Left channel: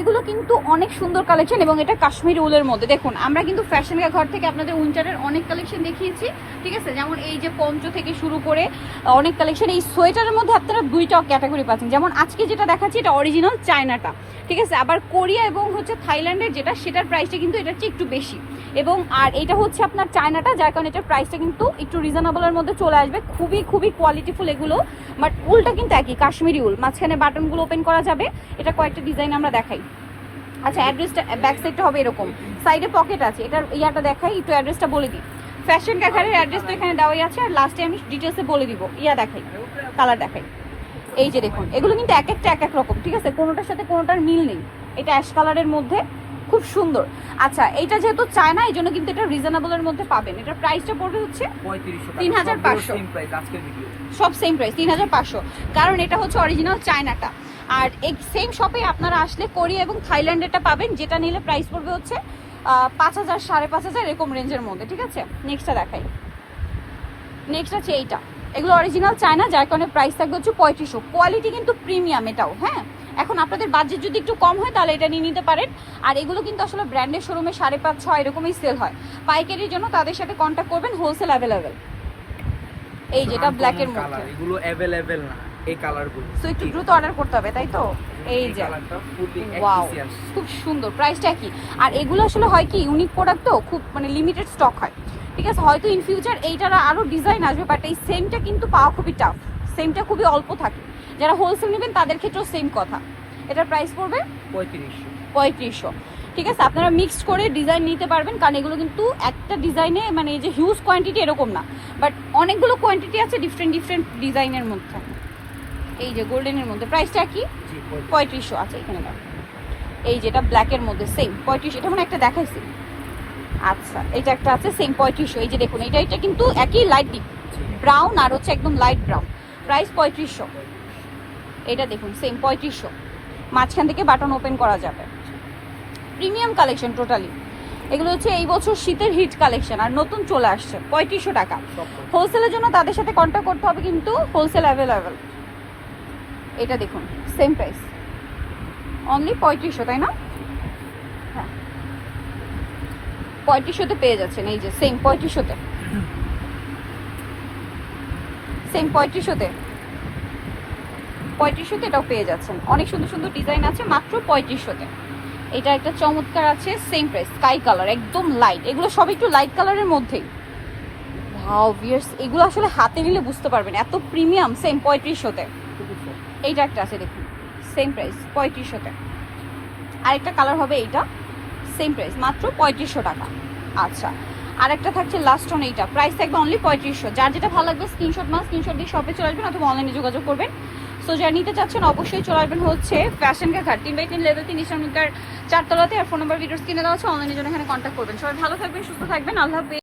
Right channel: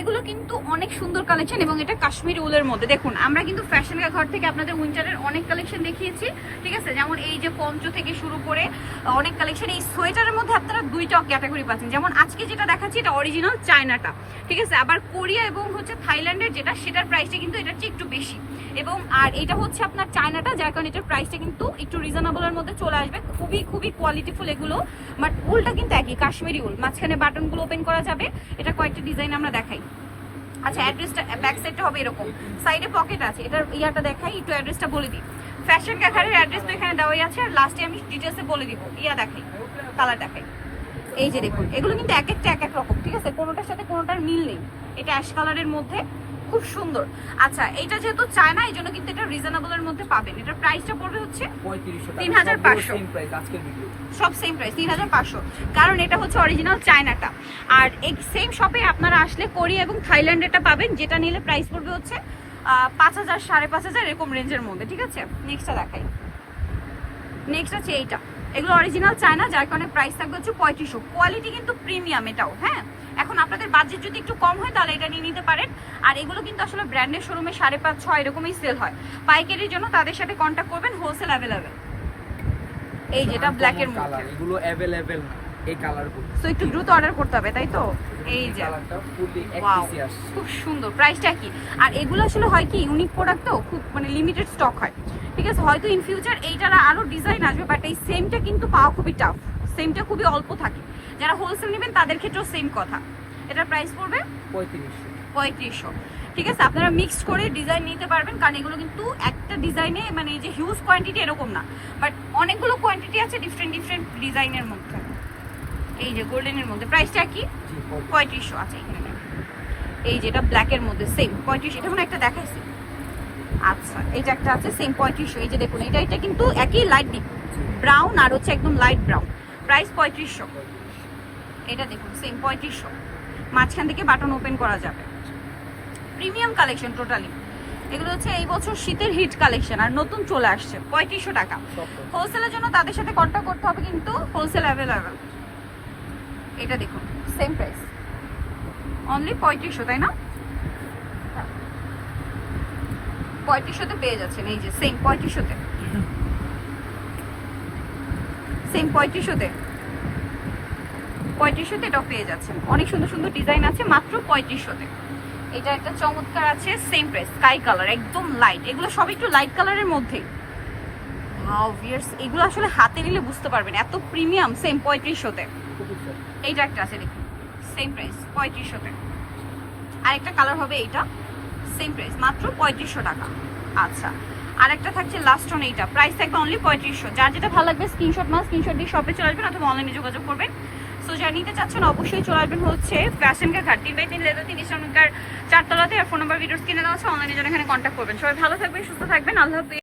এগুলো কিন্তু অনেক সুন্দর কালেকশন এবং এটা কাশ্মীরি উলের মধ্যে। দেখুন, আমরা কিন্তু ফ্যাশন ঘর থেকে আপনাদের উইন্টারের অনেক কালেকশন দেখিয়েছি, ঠিক আছে? যেমন এই যে পঞ্চ থেকে শুরু করে অনেক কালেকশন এই সোয়েটারের মধ্যে আপনারা দুইটা ক্যাটাগরি পাচ্ছেন। যেমন আজকে যেটা দেখাচ্ছি, এটা অরিজিনাল চায়নাটা ঠিক আছে? আবার কোরিয়া এবং হচ্ছে থাইল্যান্ডের যেটা, সেটার প্রাইসটা কিন্তু চেয়ে একটু বেশি। এবং, আর এটা হচ্ছে আপনার চায়নাটা যার কারণে এটার প্রাইসটা কিন্তু একটু রিজনেবলের মধ্যে চলে আসবে। খুবই খুবই কোয়ালিটিফুল এগুলো বাট উলটা কিন্তু একই, কাশ্মীরি উল। মাঝখানে বাটনগুলো ওপেন করা যাবে। এটা কয়েকটা ডিজাইন আমরা দেখাই। আচ্ছা অ্যাড্রেসটা ব্যাক সাইডটা হবে এরকম। সাইডে পকেট আছে। এটার ইয়াটা দেখাই একটু অ্যাড্রেসটা বলে দিই। ফ্যাশন ক্যাফারের অ্যাড্রেস তো এখানে দেওয়াই আছে আর লাস্টে আমি ডিটেলসে বলে দিব। ইয়া দেখাই কালার দেখাই। এই যে দেখুন এগুলো কিন্তু এক একটা এক এক রকম ঠিক আছে? কোনোটার সাথে কোনোটার মিল নেই। এটা অ্যাশ কালারের মধ্যে খুব সুন্দর। আচ্ছা এইটা যেহেতু চায়না এই জন্য কিন্তু এটা রিজনেবলের মধ্যে পাবেন। এটার প্রাইসটা পড়বে হচ্ছে পঁয়ত্রিশশো 3500 সেম প্রাইস আজকের ভিডিও সব সেম প্রাইস তিন হাজার পাঁচশো। কারণ এটা হচ্ছে অরিজিনাল চায়নাটা। আর এই সেম শপে আপনারা আসলে কোরিয়া এবং থাইল্যান্ডেরটা পাবেন যেটা নিলে প্রাইস পড়বে হচ্ছে পাঁচ হাজার সাড়ে পাঁচ হাজার এরকম রেঞ্জের মধ্যে ঠিক আছে? নেক্সটটা দেখাই। নেক্সট আছে এইটা। এগুলো অরিজিনাল চায়না যার কারণে প্রাইস থাকবে হচ্ছে পঁয়ত্রিশশো। কোয়ালিটি কিন্তু প্রিমিয়াম এটাও হ্যাঁ? এখন আপনাদের বাজেট যদি একটু কম হয় তাহলে এটা নিয়ে নিতে পারেন। আর এগুলো কিন্তু আসলে ব্র্যান্ডের শোরুমে সাড়ে পাঁচ ছয় এরকমই সেল হয়। পাইকারির জন্য তাদের সাথে কন্ট্যাক্ট করবেন হোলসেল অ্যাভেলেবেল এই যেটা ব্ল্যাকের মধ্যে। এগুলো অ্যাভেলেবেল না। এই কালারগুলো। সো একটু দ্রুত অর্ডার করতে হবে তাই তো? এই যে কালারটা ফুললি খুব সুন্দর প্রাইসটা কি? আর এগুলো আসলে হয় কি ইউনিক প্রোডাক্ট তো খুব মানে লিমিটেড স্টক হয়। ঠিক আছে হয়তো ইন ফিউচার এইটার আরও ডিজাইন আসবে বাট এই সেমটা কিন্তু পাওয়া খুবই টাফ সেমটা খুবই অল্প থাকে। যারা হোলসেল নেবেন তাদের ক্ষেত্রেও সেম কথা। এটার প্রাইস পড়বে? পঁয়ত্রিশশো। পঁয়ত্রিশশো। ঠিক আছে আপনারা মিক্সড করে ডিজাইন নিতে পারবেন কারণ এগুলো কিন্তু একটা ডিজাইনে মানে এই যে হিউজ কোয়ান্টিটি এরকম না। বাট অনেকগুলো কোয়ান্টিটি আছে ডিফারেন্ট ডিফারেন্ট ডিজাইনের মধ্যে। এই যে গোল্ডেনের মধ্যে প্রাইসটা কি? পঁয়ত্রিশশো আছে এখানে দাও। এই যেটা ব্ল্যাকের মধ্যে সেম পঁয়ত্রিশ এটা মানে একটা দেখাইছি। আচ্ছা এটা একটা আছে সেম পঁয়ত্রিশশো। এই যে দেখুন এটা এটা কিন্তু একই লাইট ডিপ ব্রাউন আর হচ্ছে একদম লাইট ব্রাউন প্রাইস পঁয়ত্রিশশো। এটা দেখুন সেম পঁয়ত্রিশশো। মাঝখান থেকে বাটন ওপেন করা যাবে। প্রিমিয়াম কালেকশন টোটালি এগুলো হচ্ছে এই বছর শীতের হিট কালেকশন আর নতুন চলে আসছে পঁয়ত্রিশশো টাকা। হোলসেলের জন্য তাদের সাথে কন্ট্যাক্ট করতে হবে কিন্তু হোলসেল অ্যাভেলেবেল এটা দেখুন সেম প্রাইস অনলি পঁয়ত্রিশশো, তাই না? পঁয়ত্রিশশোতে পেয়ে যাচ্ছেন, এই যে সেম পঁয়ত্রিশশোতে। সেম পঁয়ত্রিশশোতে। পঁয়ত্রিশশোতে এটাও পেয়ে যাচ্ছেন। অনেক সুন্দর সুন্দর ডিজাইন আছে, মাত্র পঁয়ত্রিশশোতে। এটা একটা চমৎকার আছে সেম প্রাইস স্কাই কালার একদম লাইট এগুলো সব একটু লাইট কালারের মধ্যেই। ভাও ভিয়ার্স এগুলো আসলে হাতে নিলে বুঝতে পারবেন, এত প্রিমিয়াম সেম পঁয়ত্রিশশোতে। এইটা একটা আছে, দেখুন। সেম প্রাইস পঁয়ত্রিশশো পঁয়ত্রিশশোতে আরেকটা কালার হবে এইটা সেম প্রাইস মাত্র পঁয়ত্রিশশো টাকা। আচ্ছা আরেকটা থাকছে লাস্ট অন এইটা। প্রাইস থাকবে অনলি পঁয়ত্রিশশো। যার যেটা ভালো লাগবে স্ক্রিনশট মাস স্ক্রিনশট দিয়ে শপে চলে আসবেন অথবা অনলাইনে যোগাযোগ করবেন। সো যারা নিতে চাচ্ছেন, অবশ্যই চলে আসবেন হচ্ছে ফ্যাশন ঘাট তিন বাই তিন লেভেল তিন ইসলামিকার চারতলাতে। আর ফোন নাম্বার ভিডিওস কিনে দেওয়া আছে অনলাইনে জন্য এখানে কন্ট্যাক্ট করবেন। সবাই ভালো থাকবেন, সুস্থ থাকবেন। আল্লাহ